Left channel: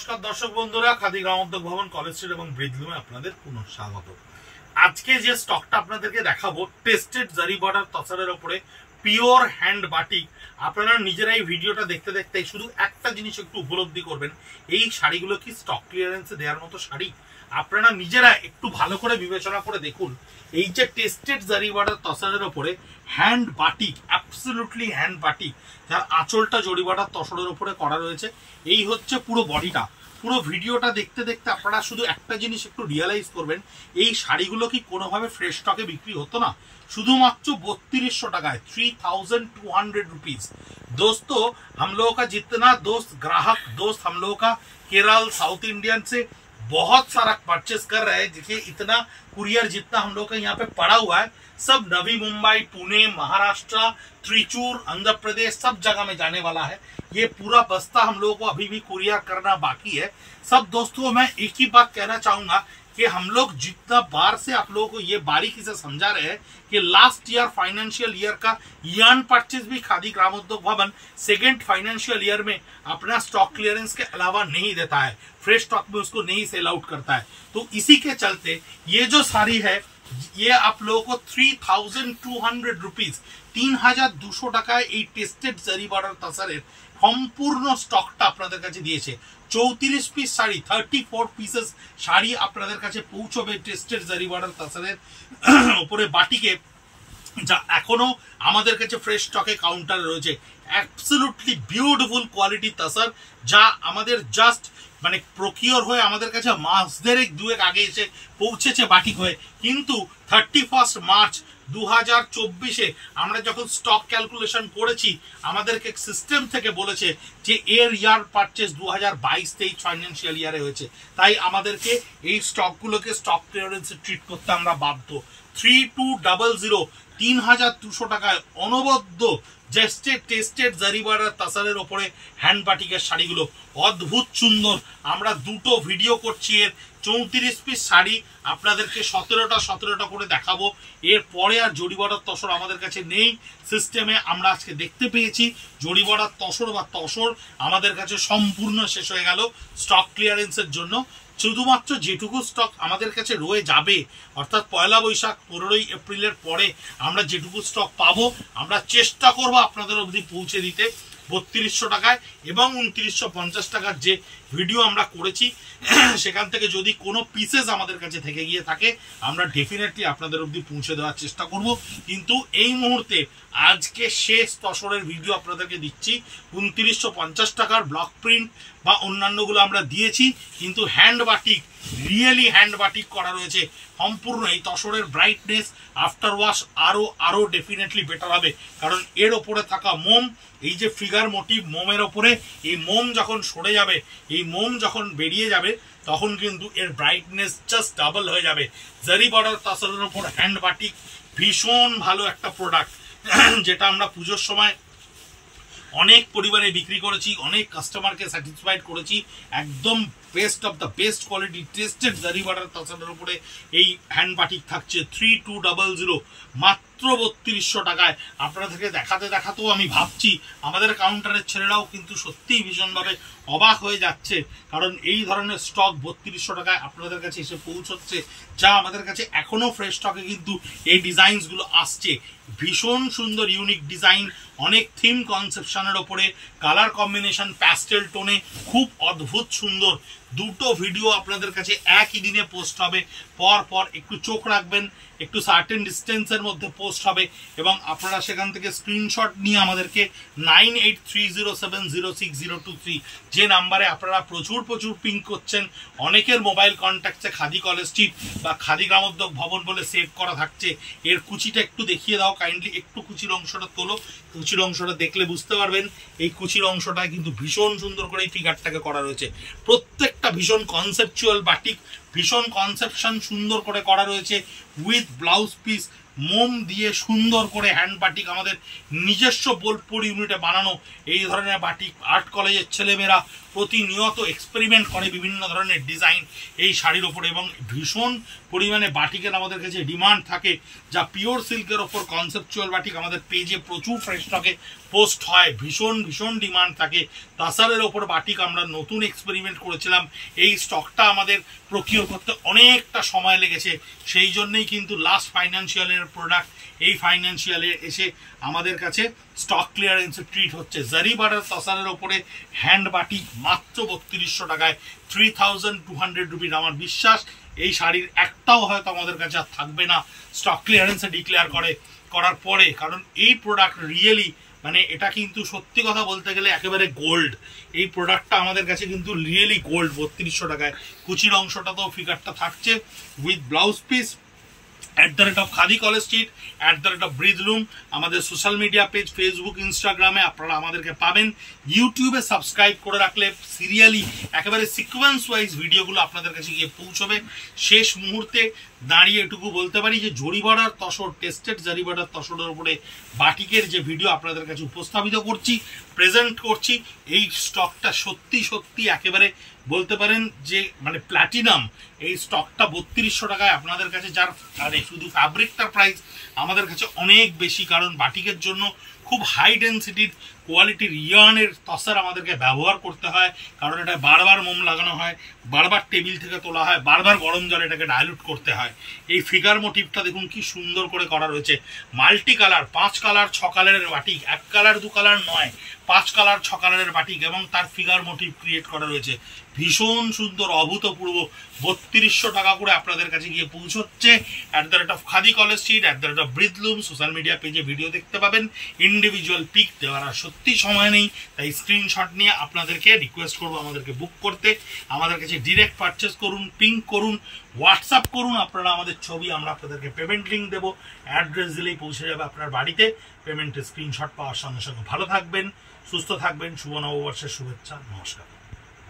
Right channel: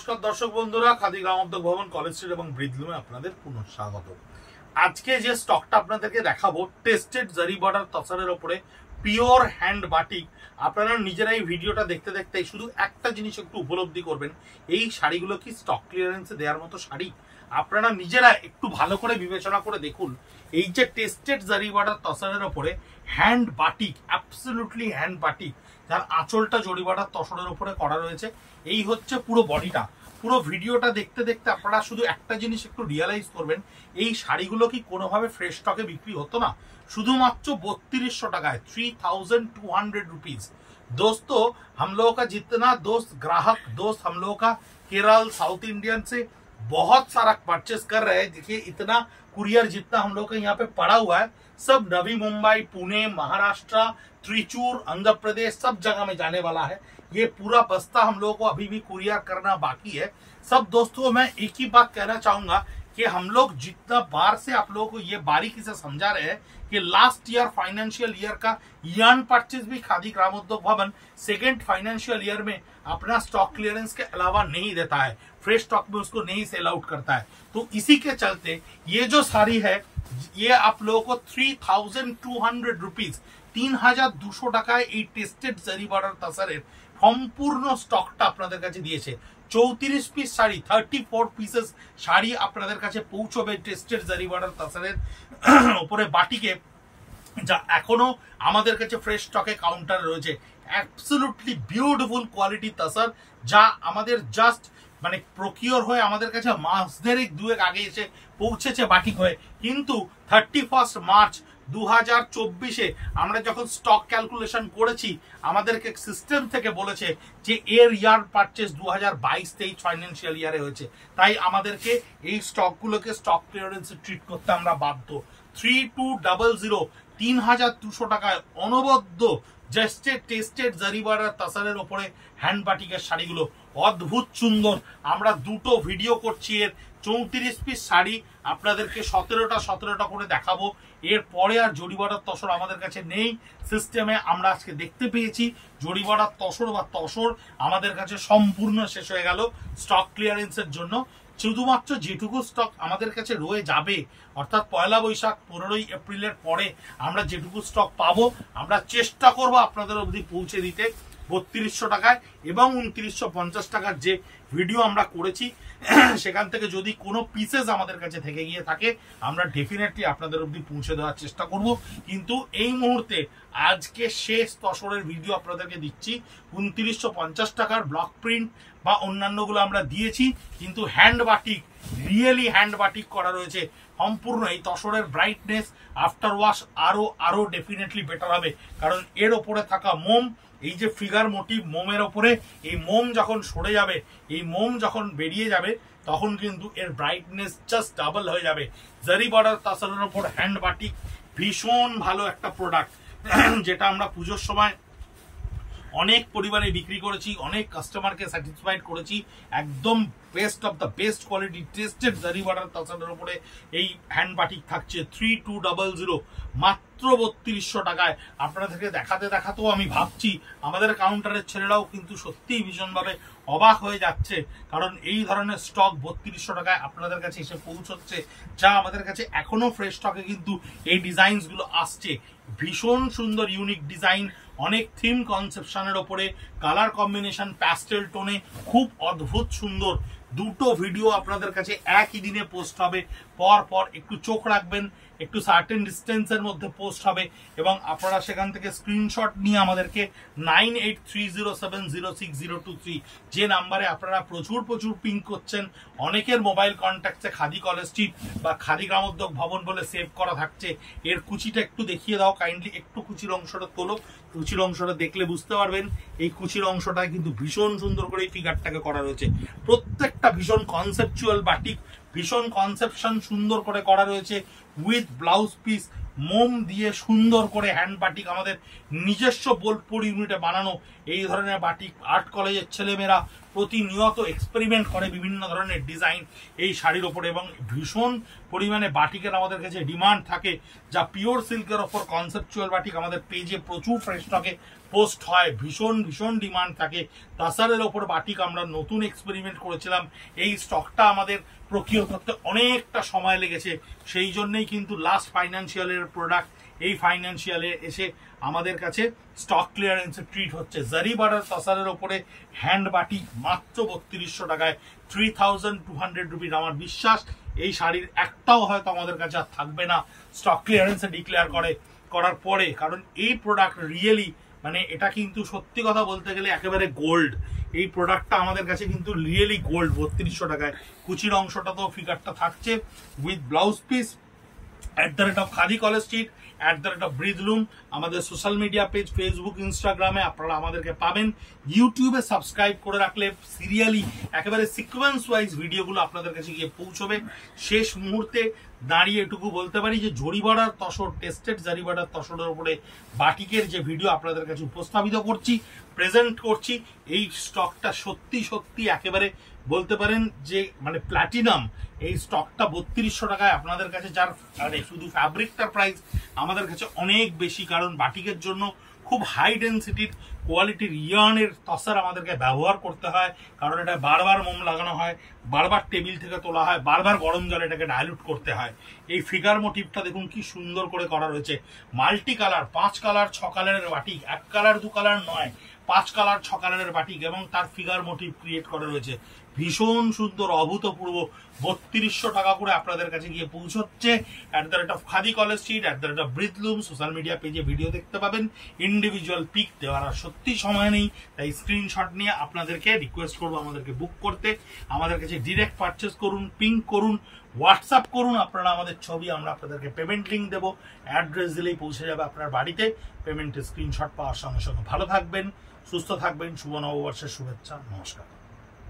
নমস্কার দর্শক বন্ধুরা, খাদি গ্রামোদ্যোগ ভবন, কলেজ স্ট্রিট এবং ব্রিজলুমে আপনাদের পুনঃ স্বাগত। আজকে যে স্টকটা আপনাদেরকে দেখাবো, টেস্টেড জারি বর্ডার তসরের উপরে পিওর হ্যান্ড বাটিক। আপনারা নিজেরাই ভিডিওটা দেখতে দেখতে শুধু একটা জিনিস একটু উপলব্ধি করবেন, এই শাড়িগুলো কি স্টক ক্লিয়ারেন্সে দেওয়ার মতো শাড়ি? আপনারা নিজেরা একটু ভালো করে বিবেচনা করে দেখুন, এই যে টেস্টেড জারি বর্ডার তসরের উপরে hand batik, absolutely hand batik, যার আঁচলটা জরি বর্ডার তসরের উপরে করা রয়েছে, এই হচ্ছে পুরো বডিটা। পুরো ভিডিওটা দেখতে দেখতে আপনারা শুধু একটা জিনিস একটু রিয়ালাইজ করবেন, এই শাড়িগুলো কি কোনোভাবে ফ্রেশ স্টকে বিক্রি হতো না? শুধুমাত্র 3200 টাকায়, 3200 रुपीज। दोस्तों, हम लोगों का जितना दोस्त ग्राहक दोस्त हम लोगों का केरल साउथ इंडियन से बहुत सारा परचेस कर रहे हैं। देखिए, इतना कुरियर जितना हम लोग का यहाँ पे पड़ा हुआ है, सब नवी मुंबई, पुणे, महाराष्ट्र, त्रिचूर, आंध्र प्रदेश, सब जगह में जाने वाला है। ये पूरा बस्ता हम लोगों को अभी भी कुरियर करना बाकी है। सब दोस्तों, मैं एक ही बात कहना चाहूंगा कि हम लोग जितना बार से आप लोगों को ये बारीकी से समझा रहे हैं कि लास्ट ईयर फाइनेंशियल ईयर का यार्न परचेज भी खादी ग्रामोद्योग भवन सेकेंड फाइनेंशियल ईयर में अपना स्टॉक क्लियरेंस के अलावा नहीं देता है, फ्रेश स्टॉक में उसको नहीं सेल आउट करता है। तो इसी के चलते ये जो साड़ी है, ये आप लोगों को 3200 रुपीज, 3200 টাকায় এই টেস্টেড জারি বর্ডার তসরের সম্পূর্ণ স্টকটা আপনাদের কাছে দিয়েছে। 34 পিস শাড়ি, 34 পিসেস শাড়ি আপনাদের কাছে পৌঁছবে টেস্টেড জারি বর্ডার তসরের উপরে বাটিকে, যা এখনো আমাদের কাছে ফ্রেশ স্টকে কাউন্টার রয়েছে। অ্যাবসলিউটলি বিউটিফুল কোয়ালিটি তসর, যা আমাদের জাস্ট মানে প্রকিওর হয়ে আমাদের কাছে মাস দুয়েক আগে এসে পৌঁছেছে বাটিক হয়ে। কিন্তু 31 মার্চ 2024-এ আমরা যখন স্টক ক্যালকুলেশন করেছি, আমাদেরকে সিস্টেম থেকে বলেছে যে এর ইয়ার পারচেস 2022-23 ফাইন্যান্সিয়াল ইয়ারে হয়েছে, তাই আমাদেরকে এই স্টকগুলোকে স্টক ক্লিয়ারেন্সে ট্রিট করতে আমরা বাধ্য। 3200, 3200 টাকায় অনবদ্য টেস্টেড জারি বর্ডার তসরের উপরে হ্যান্ড বাটিকের শাড়িগুলো অদ্ভুত সুন্দর। আমরা দুটো ভিডিও করছি, এর 34 পিস শাড়ি আপনাদেরকে 17টা করে দেখাবো। এরপরে আর জরি বর্ডার তসর আমাদের কাছে নেই। সিস্টেমে আমরা আজকে দেখতে পেয়েছি জরি বর্ডার তসর বা তসর আমাদের কাছে সম্পূর্ণ শেষ হয়ে গেল স্টক ক্লিয়ারেন্সের জন্য। শুধুমাত্র যেটুকু স্টক আমাদের কাছে রয়ে যাবে, অর্থাৎ 1লা বৈশাখ 15ই এপ্রিলের পরে আমরা যেটুকু স্টক পাবো, আমরা চেষ্টা করব আপনাদের অবধি পৌঁছে দিতে 3200 টাকায়। এবং 2950 টাকার যে ভিডিও আমরা করেছি, সেখান থেকে যদি কোনো পিসেস আমাদের কাছে থেকে গিয়ে থাকে, আমরা ডেফিনেটলি আপনাদের অবধি পৌঁছে দেওয়ার চেষ্টা করব। কিন্তু এই মুহূর্তে আজকে শেষ তসরের ভিডিও আপনাদেরকে দিচ্ছি। 2950 টাকার ব্লক প্রিন্ট বা অন্যান্যগুলো আমরা দিয়েছি, কিন্তু hand batik, really hand batik করা রয়েছে সম্পূর্ণ। এই তসরের ব্রাইটনেস আফটার ওয়াশ আরো ডেফিনেটলি বেটার হবে, কারণ এর ওপরে থাকা মোম, এই যে ফিগার মোটিভ মোমের ওপরে, এই মোম যখন সরে যাবে, এই মোম যখন বেরিয়ে যাবে, তখন কিন্তু এর ব্রাইটনেস জাস্ট ডাবল হয়ে যাবে। জারি বর্ডার তসরের ওপর হ্যান্ড বাটিক ভীষণ ভালো একটা প্রোডাক্ট, যেটা আমরা পুজোর সময় অনেক পরিবারে বিক্রি করেছি, অনেক কাস্টমারকে স্যাটিসফাইড করেছি। একদম best of the best quality tested zari border তসরের উপরে এই হ্যান্ড বাটিক থাকছে 3200, মাত্র 3200 টাকায়। আপনাদেরকে দেখাতেও আমি ভাবছি আমাদের কাউন্টারের ছেলেরাও কিন্তু সত্যিই ভীষণভাবে অবাক হয়ে যাচ্ছে, কারণ এই ধরনের স্টক 3200 টাকায় আপনাদের কাছে এসে পৌঁছচ্ছে, যা আমাদের কাছে এখনো ফ্রেশ স্টকে কিন্তু এই ডিজাইনসগুলো আসছে। ভীষণ সুন্দর ইউনিক ডিজাইন, অনেক থিম কনসেপশনের ওপরে, কালার কম্বিনেশন প্যাস্টেল টোনে, খুব অদ্ভুত সুন্দর। দুটো ভিডিও আপনাদের কাছে একই দিনে পোস্ট হবে, পর একটু চোখ রাখবেন, একটু সার্টেন ডিস্টেন্সের মধ্যে পোস্ট হবে, এবং আপনারা সেখান থেকে স্ক্রিনশট নিয়ে আমাদেরকে 9830706023 যে নাম্বারে আপনারা প্রচুর পিং করছেন, অনেকের মোবাইল কন্ট্যাক্টে খাদি কলেজ স্ট্রিট বা খাদি গ্রামোদ্যোগ ভবন বলে সেভ করা থাকছে। এর কুচিটা একটু দেখিয়ে দাও কাইন্ডলি, একটু কুচির অংশটা তোলো, কুচির অংশটা দেখলে বুঝতে পারবেন এই কুচির অংশটা কিন্তু ভীষণ সুন্দর করে এই ফিগারটাকে করা রয়েছে। প্রত্যেকটা ভীষণ কনসেপচুয়াল বাটিক, ভীষণ কনসেপশন সুন্দর করে করা রয়েছে উইথ ব্লাউজ পিস, মোম দিয়ে সুন্দর করে হ্যান্ড বাটিক আমাদের নিজস্ব বোলপুর ইউনিটে বানানো এই ধরনের বাটিক আর্ট কলেজের ছেলেমেয়েরা প্রতিনিয়ত এক্সপেরিমেন্ট করে বিভিন্ন ধরনের ডিজাইন এই শাড়ির ওপরে, এবং ভীষণ পরিমাণে বাটিকের আমাদের কাছে ডিমান্ড থাকে, যা পিওর সিল্কের ওপর কনসেপচুয়াল বাটিক আমাদের পেজে প্রচুর ফ্রেশ স্টকে পোস্ট হয়, ভীষণ ভীষণ ডিমান্ড থাকে। তাসারের ওপর বাটিক আমরা নতুন এক্সপেরিমেন্ট করেছিলাম, এই স্টকটা আমাদের প্রকিওর করতে অনেকটা সময় লেগেছে, সেই জন্যই কিন্তু লাস্ট ফাইন্যান্সিয়ালের প্রোডাক্ট এই ফাইন্যান্সিয়ালে এসে আমাদের কাছে স্টক ক্লিয়ারেন্সে ট্রিট হচ্ছে। জারি বর্ডার তাসারের ওপরে হ্যান্ড বাটিক মাত্র 3200 টাকায়, 3200 রুপিস। আমার বিশ্বাস এই শাড়ির একটাও হয়তো আমাদের কাছে আর থাকবে না স্টক ক্লিয়ারেন্সে ডিক্লেয়ার করার পরে, কারণ এই প্রোডাক্ট রিয়েলি মানে এটা কিন্তু সত্যি কথা বলতে গেলে একেবারে গোল্ড। এই প্রোডাক্টটা আমাদের কাছে কিন্তু রিয়েলি গোল্ড। 3200 টাকায় কুচির অংশটা তো ফিগারটা থাকছে with blouse piece. @Khadi college street, @Breathloom আমাদের সোশ্যাল মিডিয়া পেজ, ফেসবুক, ইনস্টাগ্রামে আপনারা আমাদেরকে পাবেন। ইউটিউবে সাবস্ক্রাইব করে রাখলে সিরিয়ালি একেবারে সিকোয়েন্স ওয়াইজ ভিডিওগুলো আপনাদের কাছে গিয়ে পৌঁছবে। শেষ মুহূর্তে দাঁড়িয়ে এটুকু বলতে পারি যে জরিবাড়ার তসর, টেস্টেড জরিবাড়ার তসরের উপরে বাটিকের যে ভিডিও আপনাদের কাছে উপস্থাপিত করছি, প্রেজেন্ট করছি, এই স্টকটা সত্যি সত্যি একেবারে বলতে পারেন যে মানে প্ল্যাটিনাম। এই স্টকটা 3200 টাকায় আপনাদের কাছে, যার মানে শুধু ফ্যাব্রিকটার প্রাইস আমাদের কাছে অনেক বেশি, কারণ বাটিকের জন্য খুব হাই ডেন্সিটির কোয়ালিটির ইয়ার্নের তসার আমাদেরকে ব্যবহার করতে হয়, কারণ এটা বারবার মোম লাগানো হয়, বারবার টেবিল থেকে তোলা হয়, বারবার গরম জলে এটাকে ডাইলুট করতে হয়। এই ফিগার মোটিভটা দেখুন কি সুন্দর করে করা রয়েছে, মাল্টি কালার, 5 কালার 6 কালারের বাটিক, 1 কালার 2 কালার নয়, 5 কালার 6 কালারের বাটিক, এবং তার ফিগার মোটিভ ক্রিয়েট করা রয়েছে। ভীষণ সুন্দর, অভূতপূর্ব। 3200 টাকা করে আপনাদের কাছে গিয়ে পৌঁছচ্ছে। @Khadi college street, @Breathloom social media পেজে ভিডিও দেখতে পাবেন। ইন্ডিভিজুয়াল পিক দেওয়ার আর সত্যি সময় নেই, তাই স্ক্রিনশট নিয়ে আপনাদেরকে রিকোয়েস্ট করবো আমাদেরকে বুক করতে। আমাদের কাছে ডিরেক্ট পারচেস করুন, পিঙ্ক করুন, হোয়াটসঅ্যাপ করুন আপনারা আমাদের ছবি, আমরা আপনাদেরকে পেমেন্ট লিঙ্ক দেবো, অ্যাড্রেস দিলেই পৌঁছে যাবে আপনার বাড়িতে। পেমেন্টের স্ক্রিনশট পাওয়ার সঙ্গে সঙ্গে ভালো থাকবেন, সুস্থ থাকবেন। শুভ নববর্ষের শুভেচ্ছা, নমস্কার।